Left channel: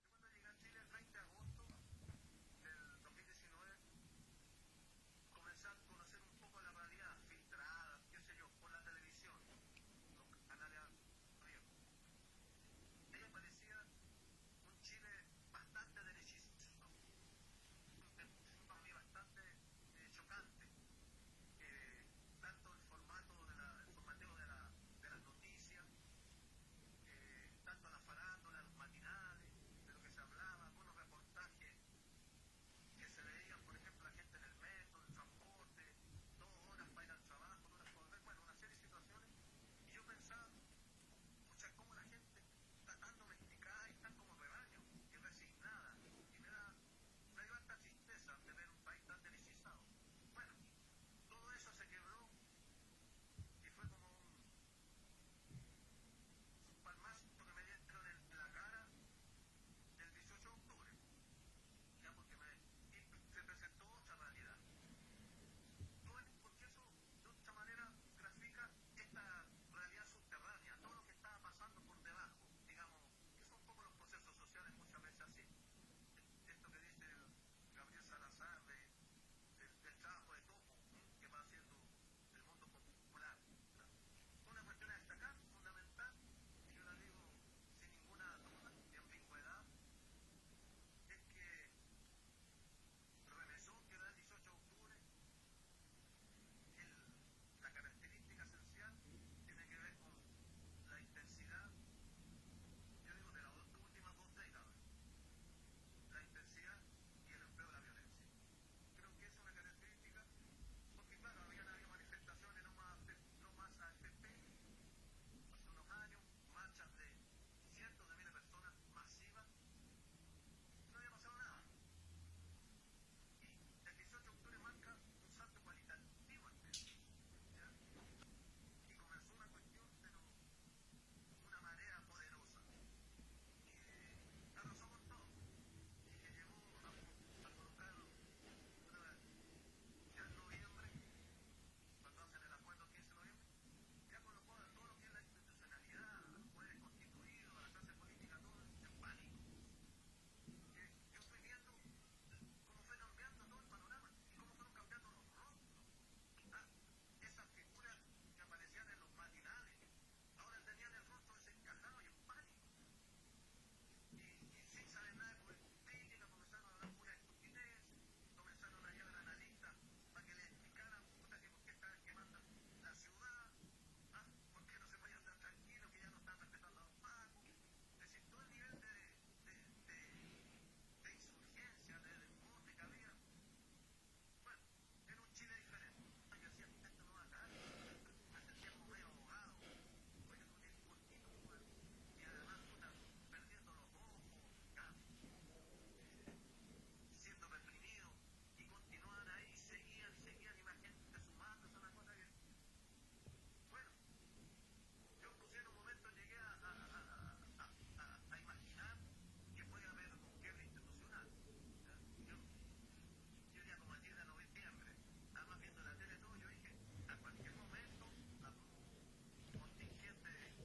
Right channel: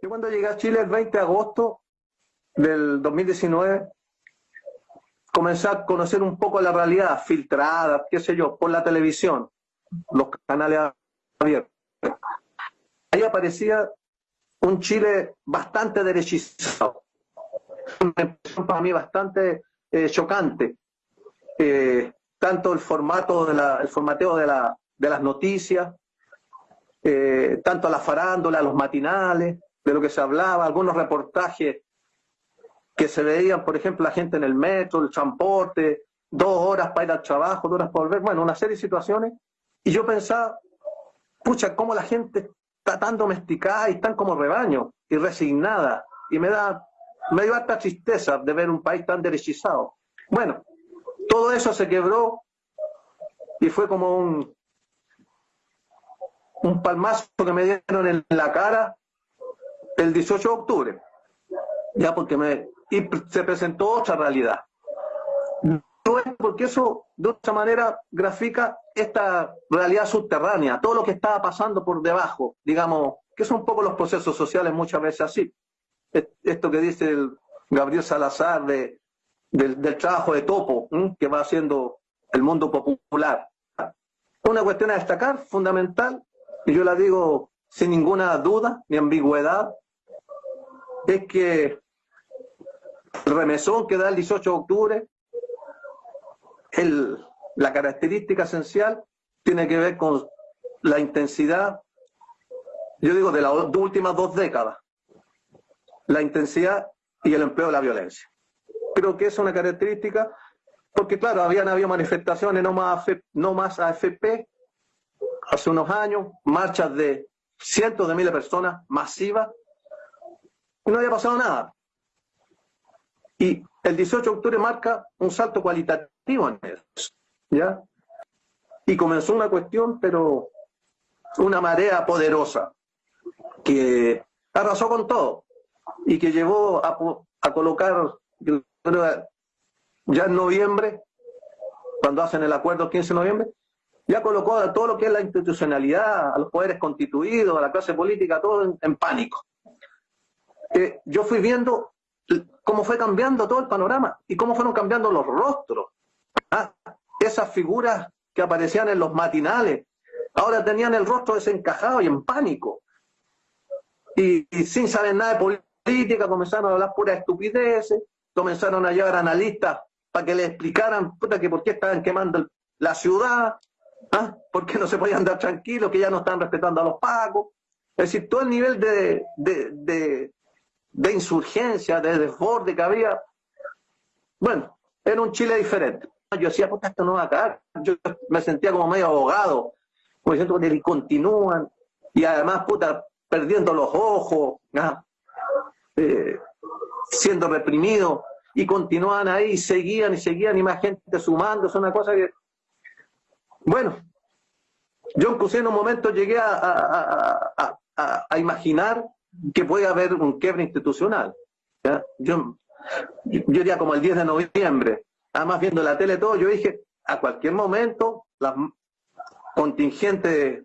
Yo cuando llegué a Chile el 20 de agosto del 2019, comencé a conocer un poco la realidad filtrada, qué sé yo, por la televisión, los canales abiertos. Ahí aparecía un Chile bastante derechizado, una impresión para mí bastante chocante. Tanto el formato el formateo de las noticias, tanto la farándula, los matinales, de lo que se hablaba, algunos reportajes que se veían, por ejemplo, la gente en el metro, el transporte, 2 horas para ir al trabajo, 2 horas para volver, bueno, una serie de situaciones. Y yo pensaba, pucha, cómo la gente está tan domesticada y tan como rebaño y resignada. Y me dio harta tristeza de ver un país tan derechizado. Bueno, todo eso se quebró y fue como un palmazo que me dieron en la cara el 18 de octubre, ya y se presentó otra realidad. Porque eso de otra manera grafica esta realidad subterránea, todo lo que estaba pasando por debajo, digamos, que son un poco los procesos sociales muchas veces así. Esto que dice el Gabriel Salazar del trabajo de topo, que va haciendo el mundo popular. Una cuestión a destacar, fundamental, y yo la digo sin ninguna duda ni ambigüedad, es que el remesón que da el 18 de octubre, la característica esencial tiene que ver con la intensidad, yo digo, de las últimas 2 décadas, la intensidad y el empleo de la violencia. Creo que es una característica, porque claro, habían habido manifestaciones no más AFP hace unos años, marchas de cientos de miles de personas masivas, y no había pasado nada. Y el 18 de octubre marca un salto cualitativo en eso, ¿ya? Y comenzó una cuestión, pero una marea poderosa, que arrasó con todo, y que llevó a colocar, yo creo, ya en noviembre, cuando hacen el acuerdo el 15 de noviembre, ya colocó a todo lo que es la institucionalidad, a los poderes constituidos, a la clase política, todo en pánico. Yo fui viendo cómo fue cambiando todo el panorama y cómo fueron cambiando los rostros. Esas figuras que aparecían en los matinales, ahora tenían el rostro desencajado y en pánico. Y sin saber nada de política, comenzaron a hablar puras estupideces, comenzaron a llevar analistas para que les explicaran que por qué estaban quemando la ciudad, por qué no se podían andar tranquilos, que ya no estaban respetando a los pacos. Es decir, todo el nivel de insurgencia, de desborde que había, bueno, era un Chile diferente. Yo decía, puta, esto no va a acabar. Yo me sentía como medio abogado, como diciendo que continúan, y además, puta, perdiendo los ojos, siendo reprimidos, y continuaban ahí, y seguían, y más gente sumando. Es una cosa que, bueno, yo incluso en un momento llegué a imaginar que puede haber un quiebre institucional. ¿Ya? Yo diría como el 10 de noviembre, además viendo la tele todo, yo dije, a cualquier momento la contingente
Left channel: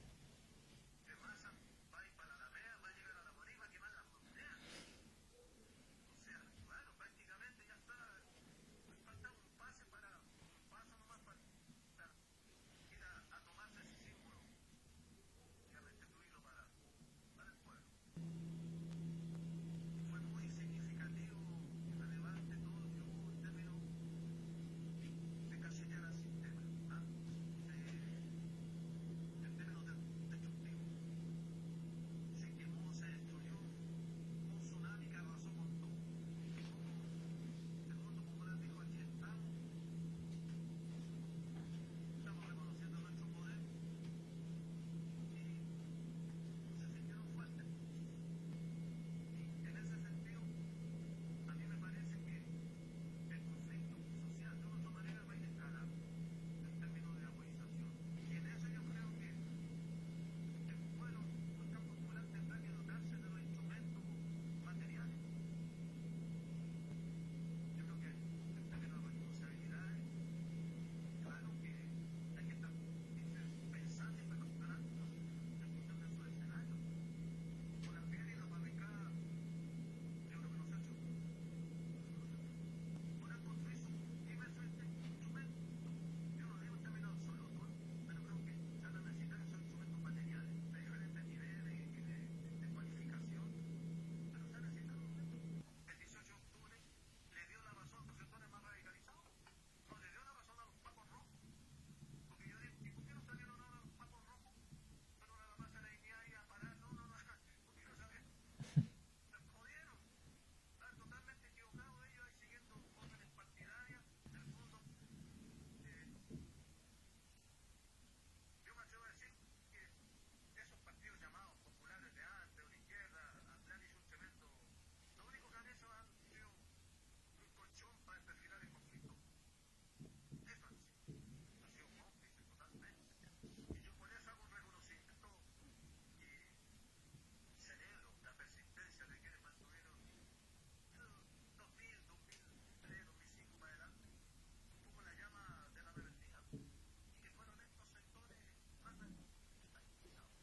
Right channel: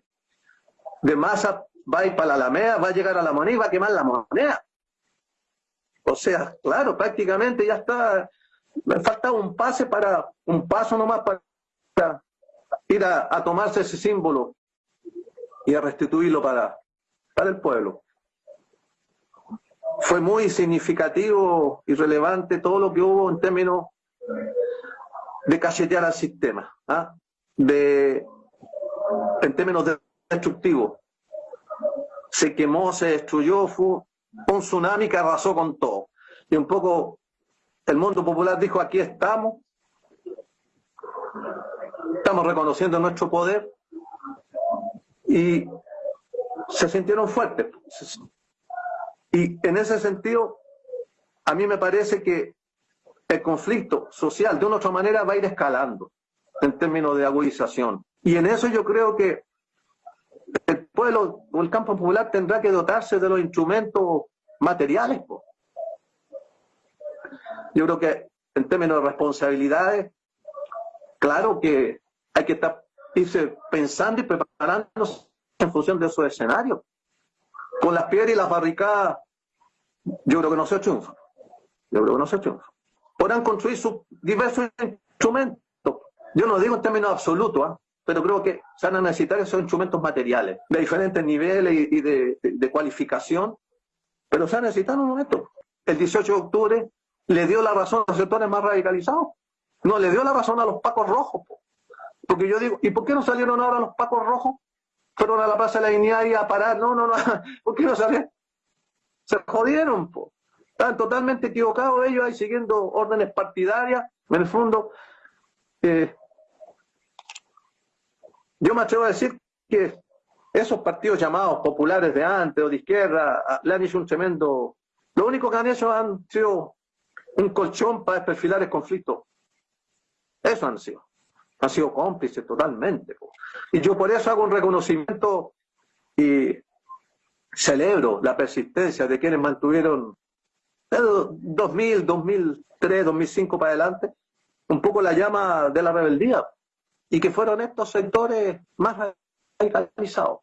de masa va a ir para la Alameda, va a llegar a la moneda y va a quemar la moneda. O sea, claro, prácticamente ya está, me faltaba un paso nomás para ir a tomarse ese símbolo y a restituirlo para el pueblo. Fue muy significativo y relevante todo lo que hubo en términos de cachetear al sistema, en términos destructivos. Se quemó, se destruyó, fue un tsunami que arrasó con todo. Y un poco el mundo popular dijo, aquí estamos reconociendo nuestro poder, y se sintieron fuertes. Y en ese sentido, a mí me parece que el conflicto social de una u otra manera va a ir escalando en términos de agudización. Y en eso yo creo que el pueblo o el campo popular tendrá que dotarse de los instrumentos materiales. Yo creo que en términos de responsabilidades, claro que hay que irse pensando y preparándose en función de esos escenarios. con las piedras y las barricadas, yo creo que no se triunfa. Yo creo que no se triunfa. Podrán construir sus diversos instrumentos. Yo no digo en términos absolutos, ¿eh? Pero creo que se van a necesitar esos instrumentos materiales, de diferentes niveles y de cualificación, pero se van a necesitar en un momento. El 18 de octubre le dio la razón a los sectores más radicalizados. No, le dio la razón a los pacos rojos. Porque yo digo, ¿y por qué no salieron ahora los pacos rojos? Fueron a la Plaza de la Dignidad y a parar. No, ¿por qué no salieron? Se jodieron, po. Estaban totalmente equivocados ellos ahí siguiendo órdenes partidarias. En el fondo, yo me atrevo a decir que esos partidos llamados populares de antes o de izquierda le han hecho un tremendo... Lo único que han hecho han sido un colchón para desperfilar el conflicto. Eso han sido. Han sido cómplices totalmente. Y yo por eso hago un reconocimiento y celebro la persistencia de quienes mantuvieron 2000, 2003, 2005 para adelante un poco la llama de la rebeldía, y que fueron estos sectores más radicalizados,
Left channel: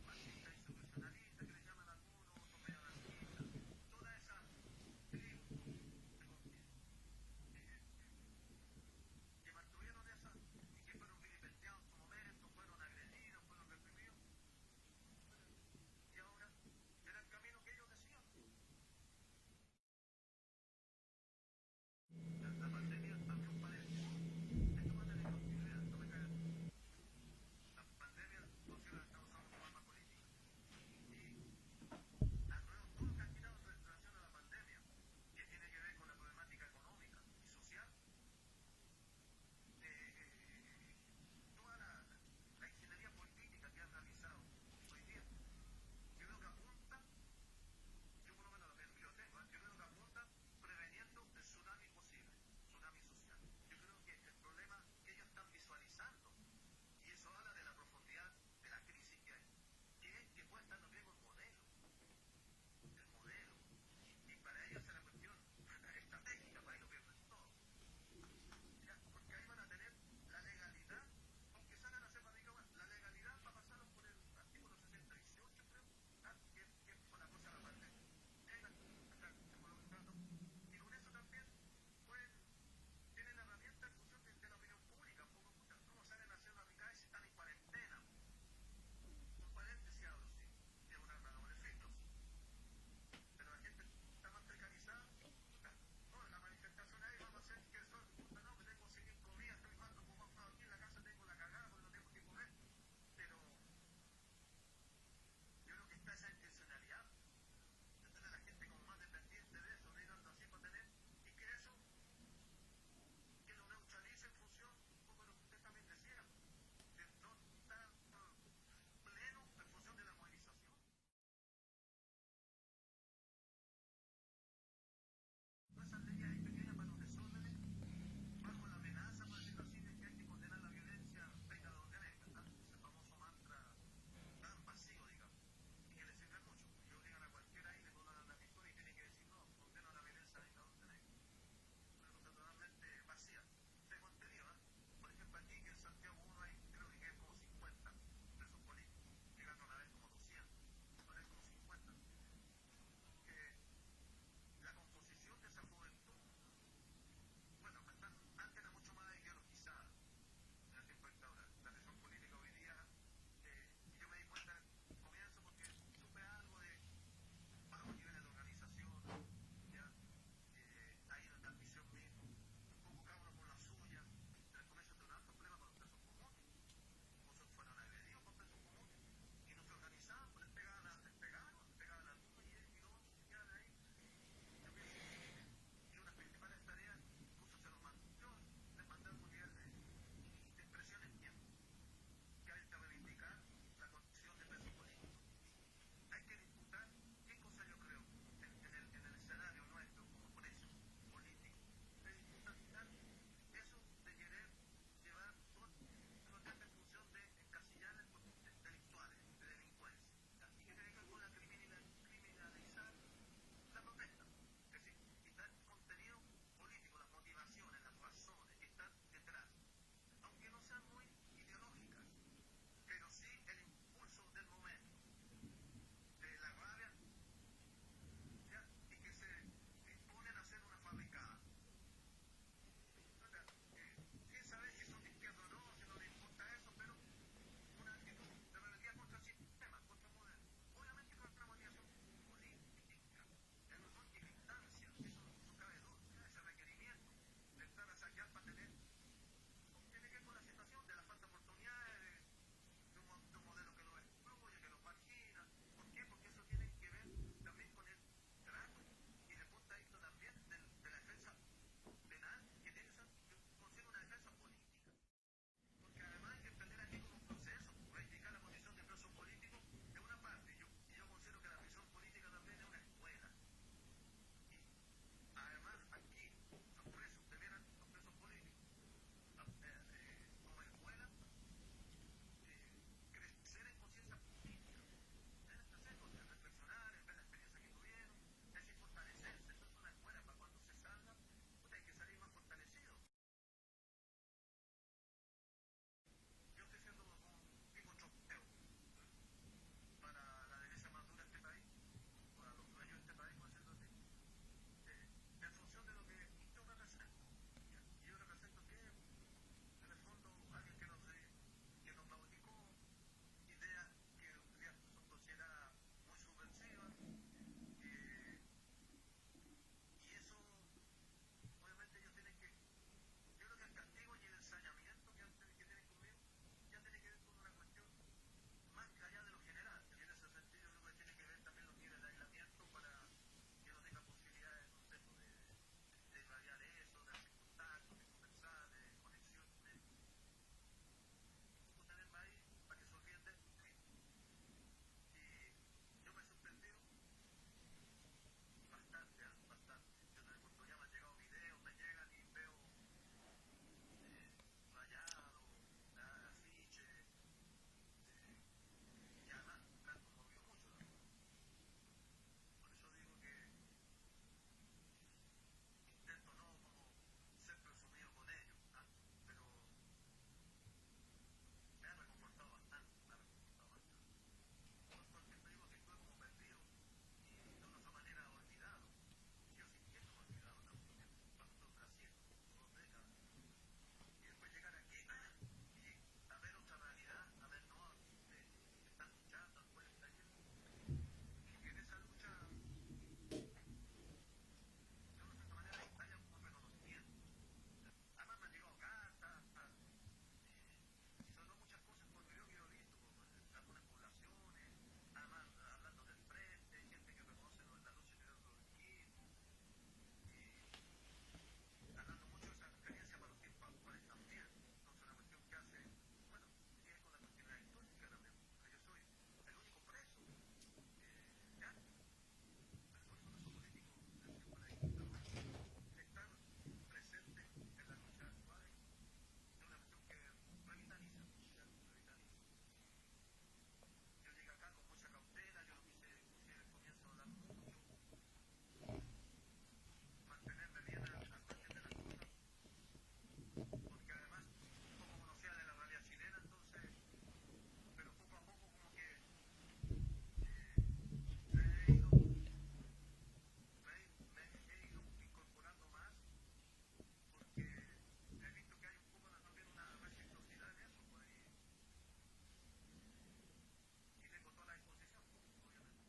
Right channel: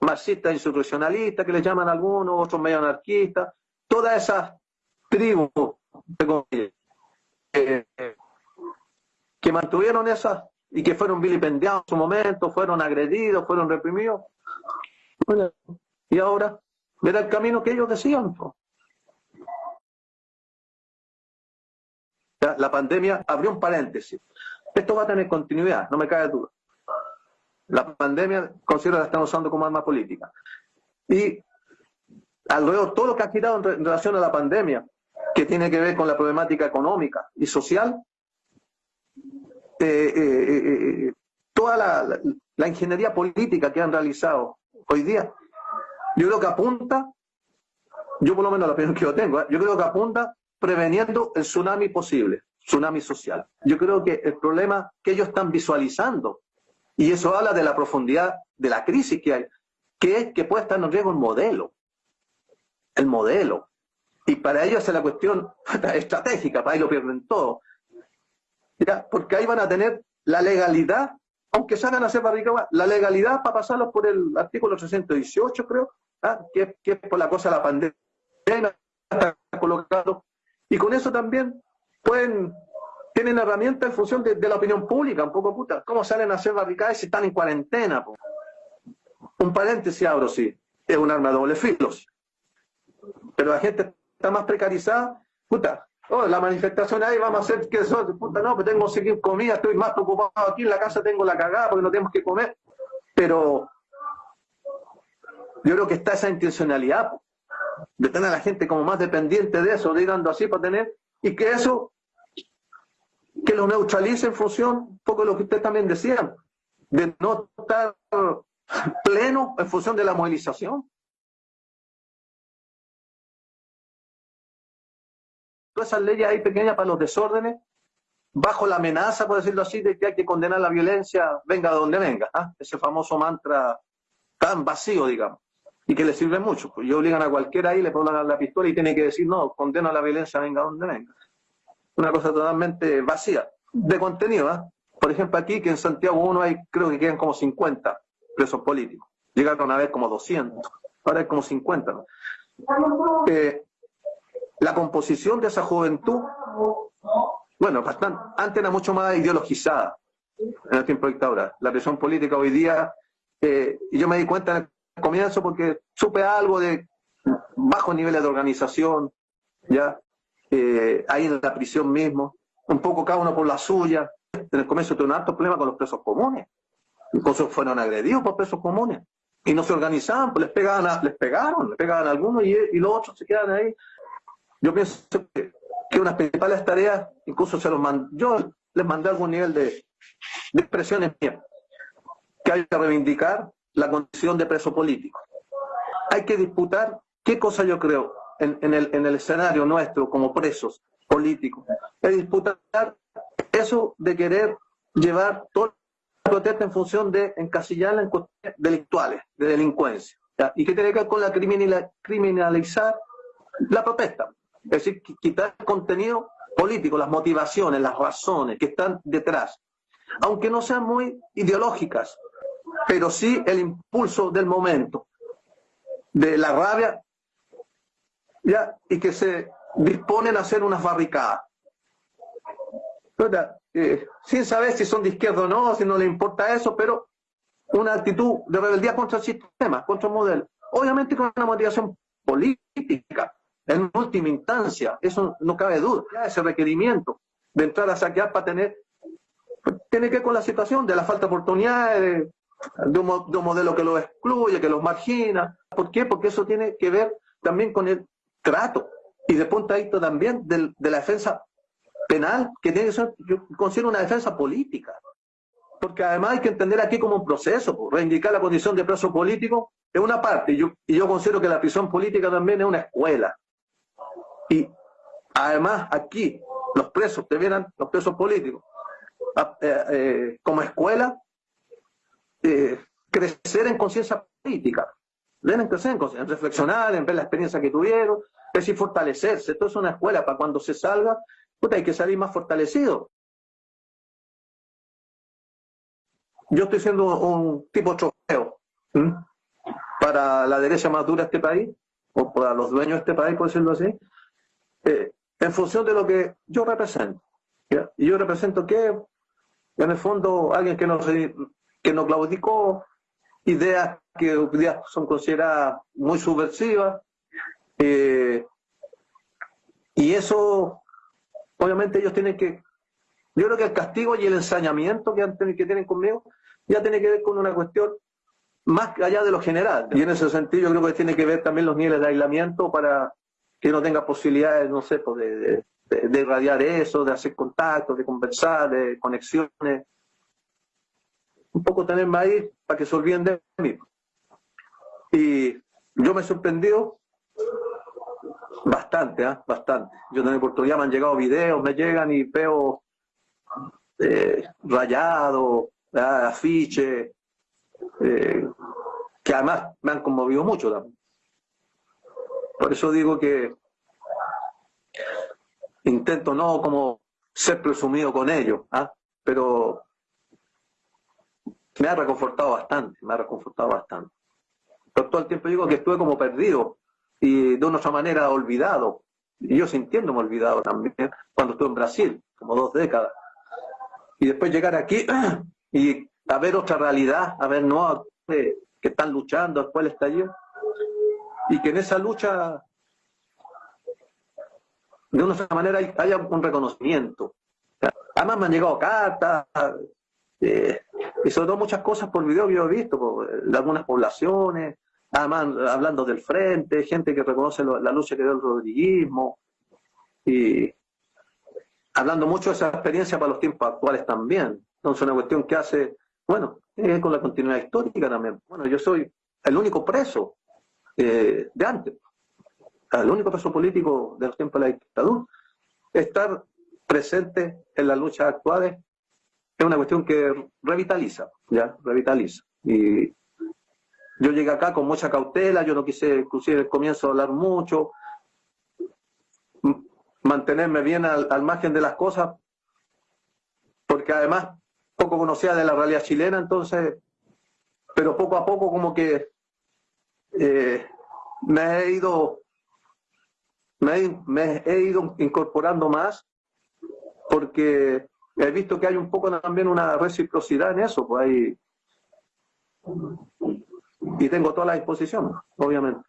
marxistas insurreccionalistas que les llaman algunos, otros medio anarquistas, todas esas tribus que mantuvieron esas y que fueron vilipendiados en su momento, fueron agredidos, fueron reprimidos. Bueno, y ahora era el camino que ellos decían. La pandemia abrió un paréntesis. Esto va a tener continuidad, no me cabe duda. La pandemia considero que la están usando como arma política. Y alrededor todo lo que ha girado en relación a la pandemia, que tiene que ver con la problemática económica y social, toda la ingeniería política que han realizado hoy día, yo creo que apunta, yo por lo menos la opinión que yo tengo, yo creo que apunta preveniendo el tsunami posible, tsunami social. Yo creo que el problema que ellos están visualizando, y eso habla de la profundidad de la crisis que hay, que es que puede estar en riesgo el modelo. Y para ellos es la cuestión estratégica, para ahí lo pierden todo. ¿Ya? Porque ahí van a tener la legalidad, aunque salgan a hacer barricadas, la legalidad para pasarlos por el artículo 318, creo, ¿ah? que es por la cosa de la pandemia, está colocado. Y con eso también tienen herramientas en función de la opinión pública, un poco puta. ¿Cómo salen a hacer barricadas si están en cuarentena? Po? Un paréntesis abro, sí, es un arma de doble filo. Pero la gente está más precarizada, puta. Oh, la manifestación ahí, vamos a hacer que eso, puta, no, pero tengo que seguir comida, estoy más preocupado aquí en la casa, tengo la cagada porque no tenemos que comer. Pero yo creo que está esa intencionalidad de tener a la gente como más dependiente de eso, digando así para tener, y que eso, que lo neutralice en función, un poco de lo que ustedes también decían, de no estar pleno en función de la movilización. Todas esas leyes ahí pequeñas para los desórdenes, bajo la amenaza, por decirlo así, de que hay que condenar la violencia, venga de donde venga. ¿Ah? Ese famoso mantra tan vacío, digamos, y que le sirve mucho. Pues, y obligan a cualquiera ahí, le ponen la pistola y tiene que decir, no, condena la violencia, venga de donde venga. Una cosa totalmente vacía, de contenido. ¿Ah? Por ejemplo, aquí, que en Santiago 1 hay, creo que quedan como 50 presos políticos. Llegaron a vez como 200, ahora hay como 50. ¿No? La composición de esa juventud, bueno, bastante, antes era mucho más ideologizada en el tiempo de dictadura. La presión política hoy día, y yo me di cuenta en el comienzo porque supe algo de bajos niveles de organización, ya ahí en la prisión mismo, un poco cada uno por la suya. En el comienzo tuve un alto problema con los presos comunes, incluso fueron agredidos por presos comunes, y no se organizaban, pues les pegaban a algunos y los otros se quedan ahí. Yo pienso que unas principales tareas, incluso yo les mandé algún nivel de expresiones mías, que hay que reivindicar la condición de preso político. Hay que disputar qué cosa yo creo en el escenario nuestro como presos políticos. Es disputar eso de querer llevar toda la protesta en función de encasillarla en cuestiones delictuales, de delincuencia. ¿Ya? Y que tiene que ver con la criminalizar la protesta. Es decir, quitar el contenido político, las motivaciones, las razones que están detrás, aunque no sean muy ideológicas, pero sí el impulso del momento. de la rabia, ya, y que se disponen a hacer unas barricadas. Sin saber si son de izquierda o no, si no les importa eso, pero una actitud de rebeldía contra el sistema, contra el modelo. Obviamente con una motivación política, en última instancia, eso no cabe duda. Ya ese requerimiento de entrar a saquear para tener, tiene que ver con la situación de la falta de oportunidades, de un modelo que los excluye, que los margina. ¿Por qué? Porque eso tiene que ver también con el trato y de punto de vista también de la defensa penal, que tiene que ser, yo considero una defensa política. Porque además hay que entender aquí como un proceso, pues, reivindicar la condición de preso político es una parte, y yo considero que la prisión política también es una escuela. Y además aquí los presos debieran, los presos políticos, como escuela, crecer en conciencia política, deben crecer en conciencia, en reflexionar, en ver la experiencia que tuvieron, es decir, fortalecerse. Esto es una escuela para cuando se salga, hay que salir más fortalecido. Yo estoy siendo un tipo trofeo para la derecha más dura de este país, o para los dueños de este país, por decirlo así, en función de lo que yo represento. ¿Ya? Y yo represento que, en el fondo, alguien que no claudicó, ideas que hoy día son consideradas muy subversivas, y eso, obviamente, ellos tienen que... Yo creo que el castigo y el ensañamiento que tienen conmigo ya tiene que ver con una cuestión más allá de lo general. Y en ese sentido yo creo que tiene que ver también los niveles de aislamiento para que no tenga posibilidades, no sé, pues de irradiar eso, de hacer contactos, de conversar, de conexiones. Un poco tenerme ahí para que se olviden de mí. Y yo me he sorprendido bastante, bastante. Yo también por todo día me han llegado videos, me llegan y veo rayados, afiches, que además me han conmovido mucho también. Por eso digo que intento no como ser presumido con ellos, pero me ha reconfortado bastante, Pero todo el tiempo digo que estuve como perdido y de una otra manera olvidado, y yo sintiéndome olvidado también cuando estuve en Brasil, como 2 décadas. Y después llegar aquí y a ver otra realidad, a ver no que están luchando después del estallido, y que en esa lucha de una otra manera haya un reconocimiento. Además me han llegado cartas, y sobre todo muchas cosas por video que yo he visto, de algunas poblaciones, además hablando del frente, gente que reconoce la lucha que dio el rodriguismo, y hablando mucho de esa experiencia para los tiempos actuales también. Entonces una cuestión que hace, bueno, con la continuidad histórica también. Bueno, yo soy el único preso de antes, el único preso político de los tiempos de la dictadura. Estar presente en las luchas actuales es una cuestión que revitaliza, ¿ya? Revitaliza. Y yo llegué acá con mucha cautela, yo no quise, inclusive al comienzo, hablar mucho, mantenerme bien al margen de las cosas, porque además poco conocía de la realidad chilena, entonces, pero poco a poco como que me he ido incorporando más, porque he visto que hay un poco también una reciprocidad en eso, pues hay, y tengo toda la disposición, obviamente.